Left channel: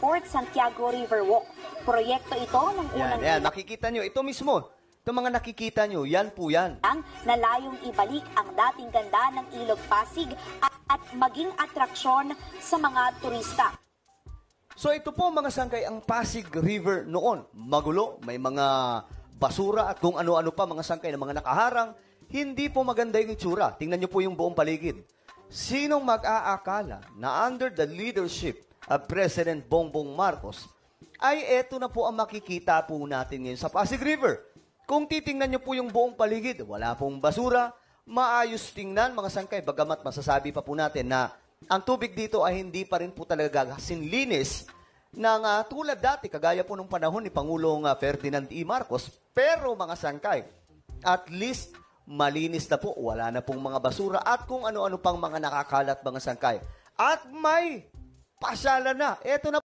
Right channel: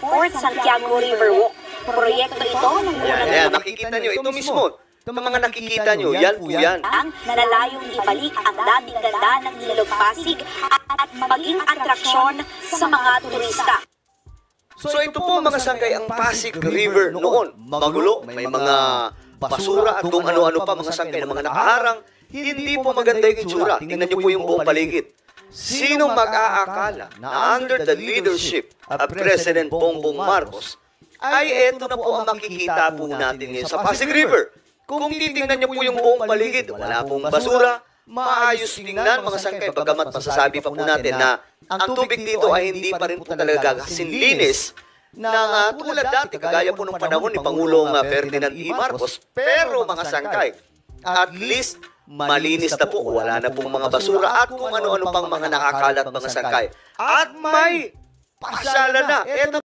Port Santiago River Walk. Proyekto ito Yan, nakikita nyo, ito mismo. Itong mga nakikita nyo, yan po yan. Nalalayong ibalik ang dami-ganda ng Ilog Pasig at maging atraksyon sa mga turista. So ito po mga sangkay ang Pasig River noon. Magulo, may mga basura at kung ano-ano pa mga sangkay na mga nakaharang. Hindi po maganda yung itsura. Tingnan niyo po yung buong paligid. Sino mag-aakala na under the leadership of President Bongbong Marcos ay eto na po ang makikita po natin ngayon sa Pasig River. Kung titingnan niyo po yung buong paligid, wala pong basura, maayos tingnan mga sangkay. Bagamat masasabi pa po natin na ang tubig dito ay hindi pa rin po talaga kasing linis na tulad dati, kagaya po nung panahon ni Pangulong Ferdinand E. Marcos. Pero mga sangkay, at least malinis na po, wala na po mga basura at kung ano-ano pang mga nakakalat mga sangkay. At may pasyalan na. Ito na